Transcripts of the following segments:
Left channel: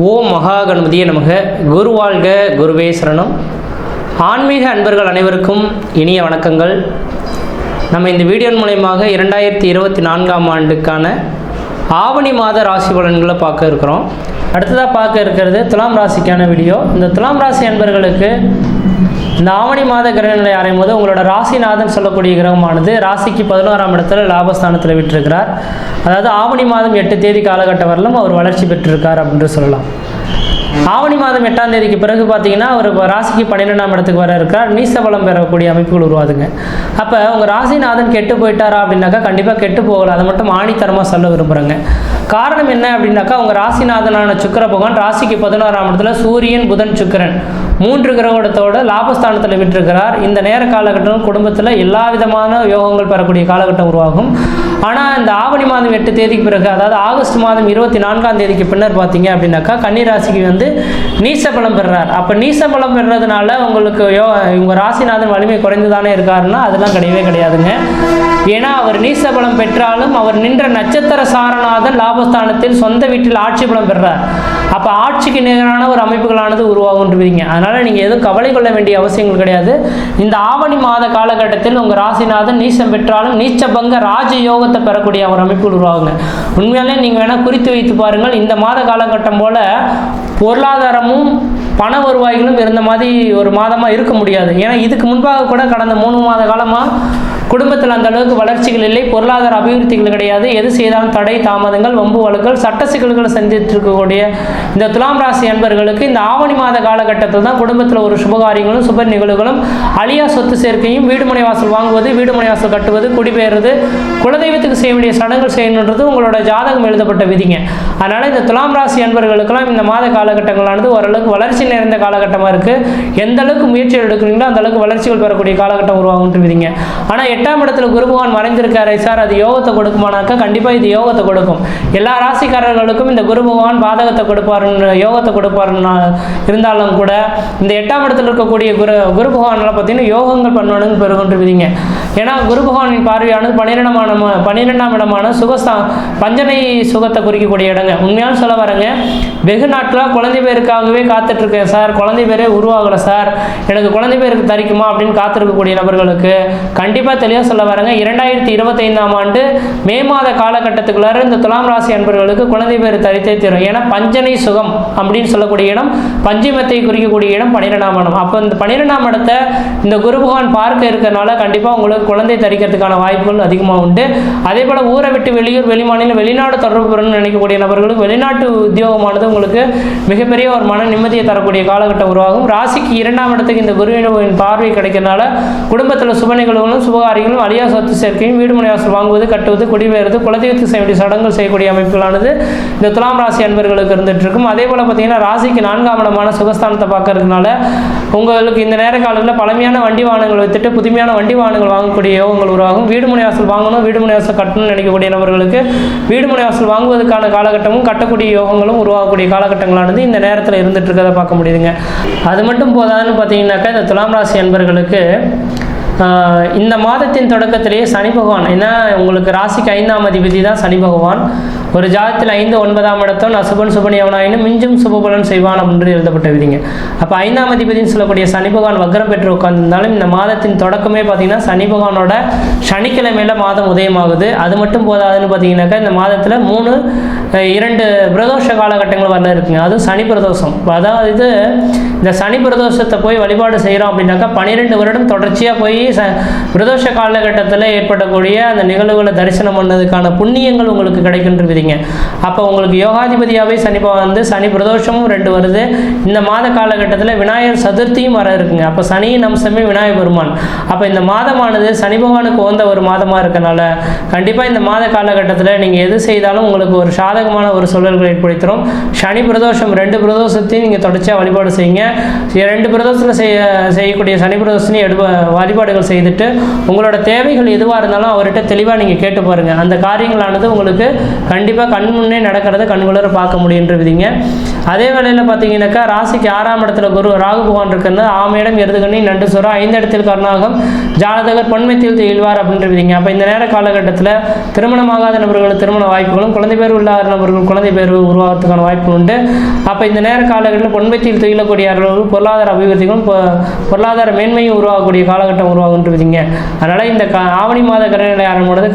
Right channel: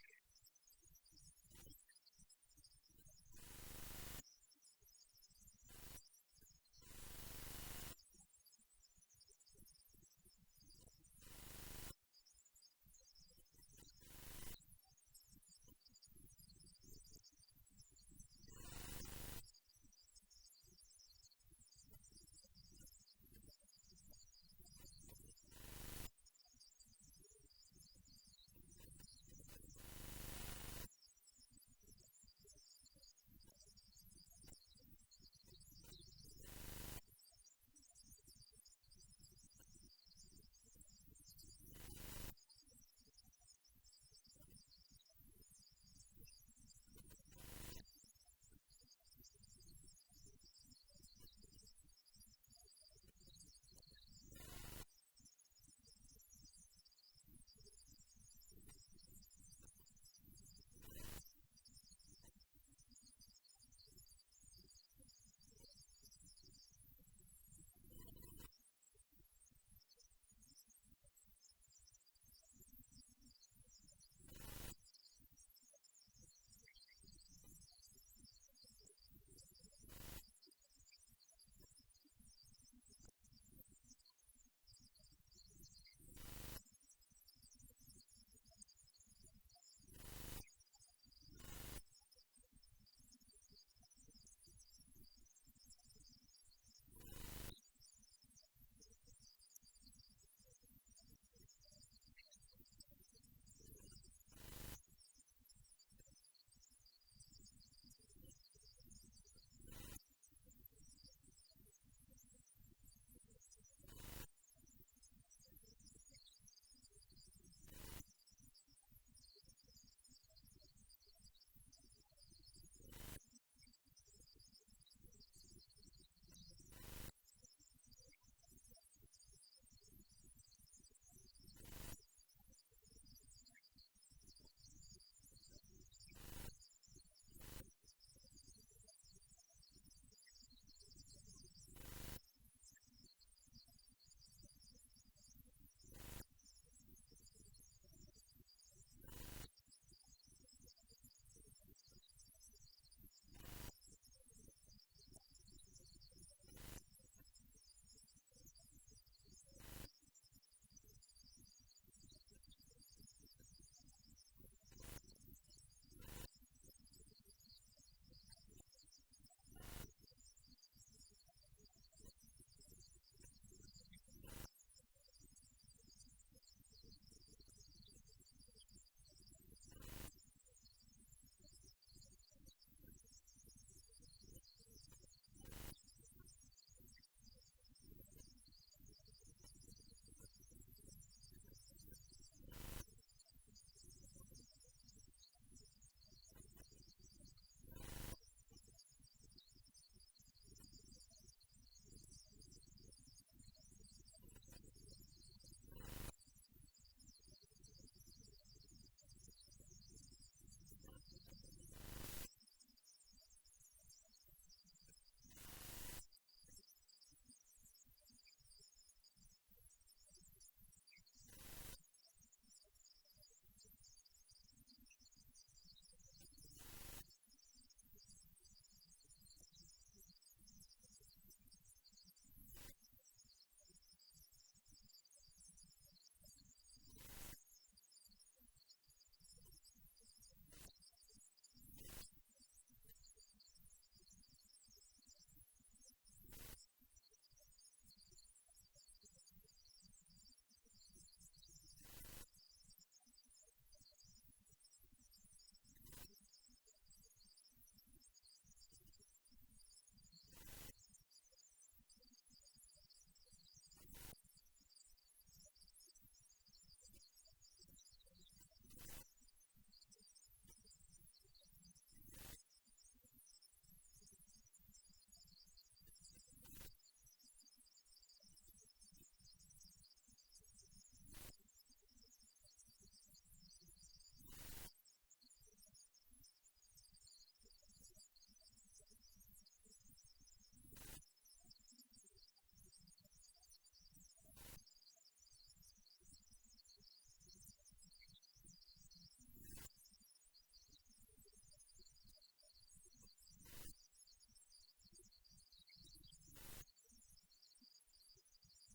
ஓம் மகா கணபதியே நமக. குரு வாழ்க, குருவே சரணம். ஆன்மீக அன்பர்கள் அனைவருக்கும் இனிய வணக்கங்கள். நம்ம இந்த வீடியோ மூலயமாக 2024ஆம் ஆண்டுக்கான ஆவணி மாத ராசி பலன்களை பார்க்க இருக்கிறோம். அடுத்ததாக பார்க்க இருக்கிறது துலாம் ராசிக்கான வீடியோ. இந்த துலாம் ராசி அன்பர்களுக்கு இந்த ஆவணி மாத கிரகநிலை ஆராயும் போது உங்களோட ராசிநாதன் சொல்லக்கூடிய கிரகமானது ராசிக்கு 11ஆம் இடத்துல லாபஸ்தானத்தில் விட்டிருக்கிறார். அதாவது ஆவணி மாதம் 8 தேதி காலகட்டம் வரலும் அவர் வளர்ச்சி பெற்றிருக்கார் அப்படின்னு சொல்லலாம். ஆவணி மாதம் 8ஆம் தேதிக்கு பிறகு பார்த்தீங்கன்னா அவர் ராசிக்கு 12ஆம் இடத்துக்கு வர இருக்கிறார். நீச பலம் பெறக்கூடிய அமைப்புகள் உருவாதுங்க. அப்போ உங்கள் ராசிநாதன் கெட்டு போயிட்டாரா அப்படின்னாக்கா கண்டிப்பாக கெட்டு போகல. அதை மட்டும் ஆணித்தரமாக சொல்ல விரும்புகிறேங்க. காரணம் என்ன அப்படின்னாக்கா உங்கள் ராசிநாதனான சுக்கிர பகவான் ராசிக்கு 11ஆம் இடத்துல சூரியன், புதன், சுக்கிரன் 3 கிரகத்தோட லாபஸ்தானத்தில் விட்டிருக்கிறார். இந்த நேர காலகட்டம் குடும்பத்தில் எல்லா விதமான யோகங்கள் பெறக்கூடிய காலகட்டம் உருவாகும். ஆனால் இந்த ஆவணி மாதம் 8 தேதிக்கு பிறகு, அதாவது ஆகஸ்ட் மாதம் 24ஆம் தேதிக்கு பின்னர் பார்த்தீங்க அப்படின்னாக்கா கன்னி ராசிக்கு நீச பலம் பெறுறார். அப்போ நீச பலம் பெறுறதுனால உங்களுக்கு உங்கள் ராசிநாதன் வலிமை குறைந்து தானே இருக்காருன்னா அதெல்லாம் கிடையவே கிடையாதுங்க. ஏன்னா அவர் நீச பலம் பெற்றாலும் அவர் நின்ற நட்சத்திர சாரநாதன் லாபஸ்தானத்தில் சொந்த வீட்டில் ஆட்சி பலம் பெறுறார். அப்போ ஆட்சிக்கு நிகரான ஒரு அமைப்புகளானது உருவாகுன்றீங்க. அதனால் நீங்கள் எதுவும் கவலை கொள்ள வேண்டிய அவசியங்கள் கிடையாது. இந்த ஆவணி மாத காலகட்டத்தில் உங்கள் ராசிநாதன் நீசம் பெற்றாலும் நீச்சபங்க ராஜயோகத்தை பெறக்கூடிய ஒரு அமைப்புகள் உருவாகுங்க. உண்மையாலே நீங்கள் வேணால் குறித்து வைத்து பாருங்கள். இந்த மாத காலகட்டம் போல் பொருளாதாரமும் பண வருவாய்களும் இருந்த மாதிரி ஒரு மாதமாக இருக்க முடியாது. ஏன்னா இதுக்கு முன்பாக கூட கடந்த 3 மாத காலமாக குடும்பத்தில் அந்த அளவுக்கு வளர்ச்சிகள் இல்லை, பொருளாதார அபிவிருத்திகள் கிடையாது. எது செய்தாலும் தடை, தாமதங்கள், வம்பு வழக்குகள், சட்ட சிக்கல்களை சந்தித்து இருக்கக்கூடிய இந்த துலாம் ராசி அன்பர்களுக்கு இந்த ஆவணி மாத காலகட்டத்தில் தான் குடும்பத்தில் ஒரு சுபகாரியங்களும் சுப நிகழ்வுகளும், அழியா சொத்து சேர்க்கையும், வீடு மனை வாசல் வாங்குவது, வீடு மனை வாசல் கட்டுவது, குடிபெயர்றது, குலதெய்வத்துக்கு செய்ய வேண்டிய சடங்குகள் செய்யணுன்றது உங்களோட ஜாதகம் எழுதப்பட்ட விதிங்க. அதனால் இந்த துலாம் ராசி அன்பர்களுக்கெல்லாம் இந்த மாத காலகட்டங்களானது ஓரளவுக்கு வளர்ச்சி நிறைந்த காலகட்டமாக இருக்குது. எந்த அளவுக்கு முயற்சிகள் எடுக்கிறீங்களோ அந்த அளவுக்கு வளர்ச்சிகள் பெறக்கூடிய காலகட்டம் உருவாகுன்ட்டு விதிங்க. ஆனால் 8ஆம் இடத்துல குரு பகவான் மறைந்திருக்காரு சார், அது யோகத்தை கொடுக்குமானாக்கா கண்டிப்பாக இது யோகத்தை கொடுக்கும். எல்லா ராசிக்காரர்களுக்கும் இந்த குரு பகவான் பாதகத்தை கொடுப்பாருன்னு, யோகத்தை கொடுப்பாருன்னு இருந்தாலும் கூட இந்த 8ஆம் இடத்துல இருக்கக்கூடிய குரு பகவானால் பார்த்தீங்கன்னா யோகங்கள் பண்ணணும்னு பெருகுன்று விதிங்க. ஏன்னா குரு பகவானின் பார்வையானது 12ஆம் இடமான பஞ்சனை சுகத்தை குறிக்கக்கூடிய இடங்க. உண்மையான சொல்ல வரங்க, வெகு நாட்களாக குழந்தை பேருக்காகவே காத்துட்டு இருக்கேன் சார், குழந்தை பேரே உருவாகலை சார், எனக்கு குழந்தை பேருக்கு தரிக்குமா அப்படின்னு காத்திருக்கக்கூடிய நபர்களுக்கு கண்டிப்பாக தெளிவாக சொல்ல வரங்க, 2025ஆம் ஆண்டு மே மாத காலகட்டத்துக்குள்ளார இந்த துலாம் ராசி அன்பர்களுக்கு குழந்தை பேர் தரித்தே தரும். ஏன்னா பஞ்சனை சுகம் அப்படின்னு சொல்லக்கூடிய இடம், பஞ்சிமத்தை குறிக்கக்கூடிய இடம் 12ஆம் இடம். அப்போ இந்த 12ஆம் இடத்தை இந்த குரு பகவான் பார்க்க இருக்கிறனால கண்டிப்பாக உங்களுக்கு குழந்தை தரிக்கிறதுக்கான வாய்ப்புகள் அதிகமாக உண்டு. அதே போல் ஊரை விட்டு வெளியூர், வெளிமாநிலம், வெளிநாடு தொடர்பு பெறணும்னு நினைக்கக்கூடிய நபர்களுக்கு வெளிநாட்டு உத்தியோகமானது உங்களுக்கு மிகப்பெரிய ஒரு மன நிம்மதியை தரக்கூடிய காலகட்டம் உருவாகும். ராசிக்கு 2ஆம் இடத்துக்கு இந்த குருவின் பார்வை கிடைக்கிறதுனால குடும்பத்தில் சுப நிகழ்வுகளும் சுபகாரியங்களும், அழியா சொத்து சேர்க்கையும், வீடு மனை வாசல் வாங்குவது, கட்டுவது, குடிபெயர்வது, குலதெய்வத்துக்கு செய்ய வேண்டிய சடங்குகள் செய்யக்கூடிய அமைப்புகளானது இந்த துலாம் ராசி அன்பர்களுக்கு இருந்துட்டு இருக்கும். அதே போல் பார்த்தீங்கன்னா ராசிக்கு 4ஆம் இடமான சுகஸ்தானத்தை பார்க்கறதுனால உங்களுக்கு இந்த நேர காலத்தில் பழமையான வண்டி வாகனங்கள் வித்துட்டு புதுமையான வண்டி வாகனங்கள் வாங்கக்கூடிய யோகங்கள் உருவாகும். வீடு மனை வாசல் வாங்கணும், வீடு மனை வாசல் கட்டணும்னு நினைக்கக்கூடிய நபர்களுக்கு வீடு மனை வாசல் வாங்குவதற்கான காலகட்டமும் கட்டக்கூடிய யோகங்களும் உருவாகக்கூடிய காலகட்டங்களானது இந்த நேரத்தில் இருந்துட்டு இருக்கிறத பார்க்க முடியுதுங்க. அது மட்டும் போதாதுன்னு பார்த்தீங்கன்னாக்கா இந்த துலாம் ராசி அன்பர்களுக்கு இந்த மாதத்தின் தொடக்கத்திலேயே சனி பகவான், ஏன்னா உங்களுக்கு ராசிக்கு 5ஆம் அதிபதி தான் சனி பகவான். ஒரு ஜாதத்தில் 5, 9ஆம் இடத்தோன் அசுபன் சுபன் எவனாயினும் மிஞ்சும் சுபபலன் செய்வான் அப்படின்னு எழுதப்பட்ட விதிங்க. அப்போ 5ஆம் அதிபதினு சொல்லக்கூடிய சனி பகவான் வக்ரம் பெற்று உட்கார்ந்திருந்தாலும் இந்த மாதத்தின் தொடக்கமே பார்த்தீங்கன்னா சனி பகவானோட சனிக்கிழமையில மாதம் உதயமாகுது. அது மட்டும் போதாதுன்னு பார்த்தீங்கன்னாக்கா இந்த மாதத்தில் 2 பிரதோஷ காலகட்டங்கள் வரல இருக்குங்க. அதுவும் சனி பிரதோஷம். அதாவது இந்த சனி பிரதோஷத்தை போய் வழிபாடு செய்கிறோம் அப்படின்னாக்கா 12 வருடம் தொடர்ச்சியாக போய் பிரதோஷ காலகட்டத்தில் ஏற்படக்கூடிய அந்த நிகழ்வுகளை தரிசனம் பண்ணதுக்கான புண்ணியங்கள் உங்களுக்கு கிடைக்கின்ற விதிங்க. அப்போ உங்களுக்கு யோகாதிபதியாகவே சனி பிரதோஷமும் 2 வருது. இந்த மாத காலகட்டத்தில் விநாயகர் சதுர்த்தியும் வர இருக்குங்க. அப்போ சனியின் அம்சமே விநாயகர் பெருமான். அப்போ இந்த மாதமானது சனி பகவானுக்கு உகந்த ஒரு மாதமாக இருக்கனால கண்டிப்பாக இந்த மாத காலகட்டத்தில் நீங்கள் எது செய்தாலும் உங்களுக்கு ஒரு சாதகமான ஒரு சூழல்களை ஏற்படுத்துகிறோம். சனி பிரதோஷம் 2 பிரதோஷத்தையும் நீங்கள் தொடர்ச்சியாக வழிபாடு செய்யுங்க. 2 பிரதோஷத்தில் செய்யக்கூடிய சனி பிரதோஷத்தையும் வழிபாடு வழிபாடுகள் செய்துட்டு உங்களோட தேவைகள் எதுவாக இருந்தாலும் அவர்கிட்ட தெளிவாக நீங்கள் கேட்டு பாருங்கள். அந்த காரியங்களானது உங்களுக்கு கண்டிப்பாக கண் முன்னே நடக்கிறத கண்குளர பார்க்க முடியுன்றவிதிங்க. அதே வேளையில் பார்த்தீங்கன்னாக்கா ராசிக்கு 6ஆம் இடத்துல ராகு பகவான் இருக்கிறது. ஆமையிடம் எருதுகண்ணி நண்டு சுரம் 5 இடத்தில் கருணாகம் ஜாதகர் பொன்மைத்தில் இழ்வார் அப்படின்றவிதிங்க. அப்போ இந்த நேர காலகட்டத்தில் திருமணமாகாத நபர்கள் திருமண வாய்ப்புகளும், குழந்தை பேர் இல்லாத நபர்கள் குழந்தை பேர் உருவாகிறதுக்கான வாய்ப்பு உண்டு. அப்போ இந்த நேர காலகட்டத்தில் பொன்மைத்தில் துயிலக்கூடியவர்கள் பொருளாதார அபிவிருத்திகளும் பொருளாதார மேன்மையும் உருவாகக்கூடிய காலகட்டம் உருவாகுன்றவிதிங்க. அதனால் இந்த ஆவணி மாத கிரகநிலை ஆரம்பொழுது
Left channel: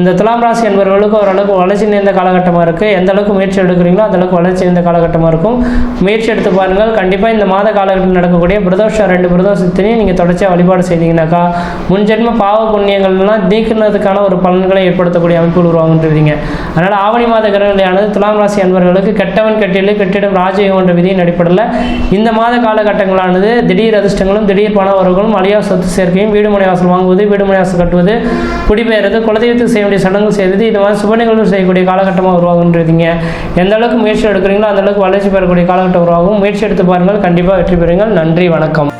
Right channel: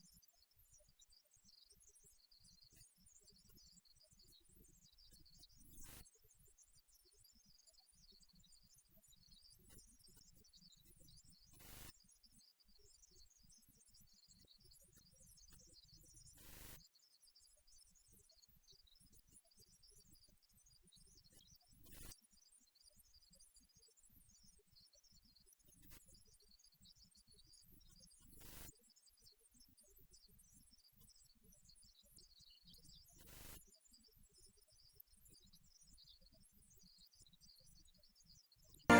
இந்த துலாம் ராசி என்பவர்களுக்கு ஓரளவுக்கு வளர்ச்சி நிறைந்த காலகட்டமாக இருக்குது. எந்த அளவுக்கு முயற்சி எடுக்கிறீங்களோ அந்த அளவுக்கு வளர்ச்சி நிறைந்த காலகட்டமாக இருக்கும். முயற்சி எடுத்து பாருங்கள். கண்டிப்பாக இந்த மாத காலகட்டத்தில் நடக்கக்கூடிய பிரதோஷம் 2 பிரதோஷத்தினையும் நீங்கள் தொடர்ச்சியாக வழிபாடு செய்தீங்கன்னாக்கா முன்ஜென்ம பாவ புண்ணியங்கள்லாம் நீக்கிறதுக்கான ஒரு பலன்களை ஏற்படுத்தக்கூடிய அமைப்புகள் உருவாகுன்றவிதிங்க. அதனால் ஆவணி மாத கிரகநிலையானது துலாம் ராசி என்பவர்களுக்கு கெட்டவன் கெட்டிலே கெட்டிடம் ராஜயோகம் என்ற விதியின் அடிப்படையில் இந்த மாத காலகட்டங்களானது திடீர் அதிர்ஷ்டங்களும் திடீர் பண வரவுகளும் அழியா சொத்து சேர்க்கையும் வீடு மனை வாசல் வாங்குவது, வீடு மனை வாசல் கட்டுவது, குடிபெயர்றது, குலதெய்வத்துக்கு செய்ய வேண்டிய சடங்குகள் செய்வது, இது மாதிரி சுப நிகழ்வு செய்யக்கூடிய காலகட்டமாக உருவாகுன்றீங்க. எந்த அளவுக்கு முயற்சி எடுக்கிறீங்களோ அந்த அளவுக்கு வளர்ச்சி பெறக்கூடிய காலகட்டம் உருவாகும். முயற்சி எடுத்து பாருங்கள், கண்டிப்பாக வெற்றி பெறுங்கள். நன்றி, வணக்கம்.